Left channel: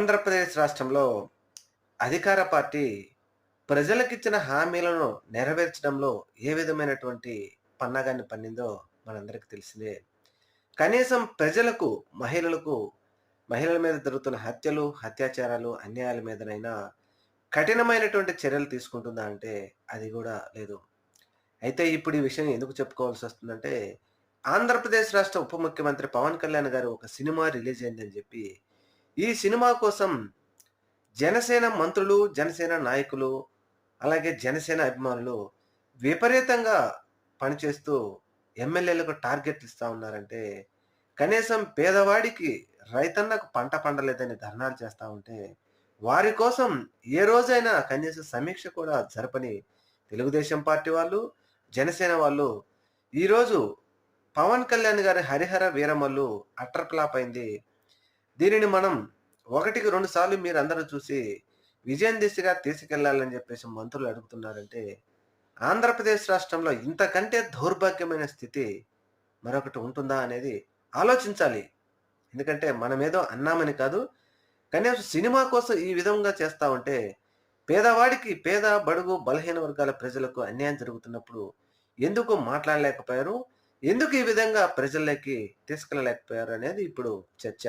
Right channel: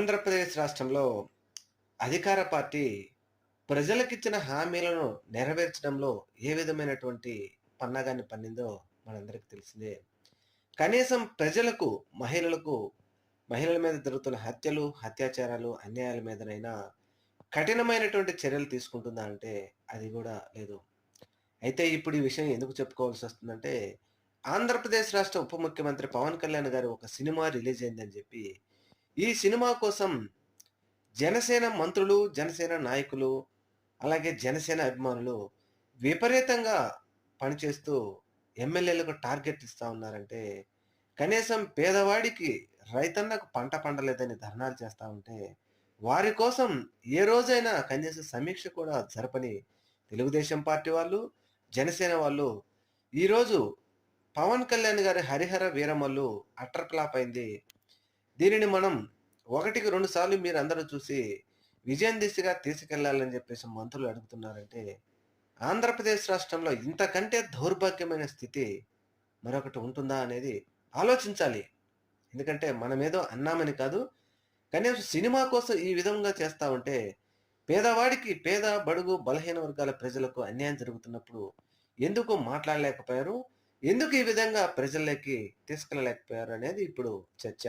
ఆంధ్రప్రదేశ్ రాష్ట్రంలో అధికార పార్టీ ప్రజలకిచ్చిన హామీలను నెరవేర్చడంలో ఏ విధమైనటువంటి పన్నాగాన్ని పన్నిందో మనందరికీ తెలిసిందే. కనీసం ప్రజలకు, మహిళలకు, మహిళల మీద జరుగుతున్న హత్యలు, అత్యాచారాలు, అన్యాయాల మీదనైనా కఠినమైనటువంటి చర్యలు తీసుకుంటుందా అంటే అది గూడా లేదు. అయితే ఇప్పుడు ఈ విషయం ఎందుకు చెప్పుకోవాల్సొస్తుందంటే, ఆంధ్రప్రదేశ్ రాష్ట్ర ఉప ముఖ్యమంత్రి పవన్ కళ్యాణ్ గారు ఒక సినిమా రిలీజ్ అయిందని జెప్పి, ఈ సినిమా కోసం జనసేన మంత్రులు, జనసేన నాయకులు, అలాగే జనసేన అభిమానులు విపరీతంగా పనిచేస్తూ ఎమ్మెల్యేలకు టార్గెట్లు ఇస్తా ఉన్నారంటే, కనీసం పేదవాడికి, రైతన్నకు పంట పండలేదని ధర్నాలు చేస్తా ఉంటే, వారి కోసం ఏ రోజైనా కనీసం సమీక్ష కూడా జరపని తెలుగుదేశం పార్టీ వాళ్ళు, జనసేన వాళ్ళు ఈరోజు పవన్ కళ్యాణ్ గారి 'హరిహర వీరమల్లు' అట్టర్ ఫ్లాప్ అయింది. దీనిని మనం ఒకటికి 2 సార్లు మీరందరూ చూసి విజయం దిశగా తీసుకెళ్లాలని జెప్పేసి మంత్రులు అడుగుతున్నారంటే, ఆంధ్రప్రదేశ్ రాష్ట్రంలో ఇంతకంటే దౌర్భాగ్యమైన స్థితి మరొకటి ఉంటుందా అనేది ఆలోచించాలి. ఎందుకంటే మనమేదో అన్నామని కాదు. కనీసం సినిమా కోసం ఈ విధంగా చేస్తా ఉంటే, పేదవాడికి, పేద, బడుగు, బలహీన వర్గాల ప్రజలకు అన్యాయం జరుగుతున్నప్పుడు ఎందుకు మాట్లాడలేకపోయారు? ఎందుకు ఈ విధంగా ప్రజల్లోకి తీసుకెళ్ళలేకపోయారు అనేది ఇప్పుడు చర్చ.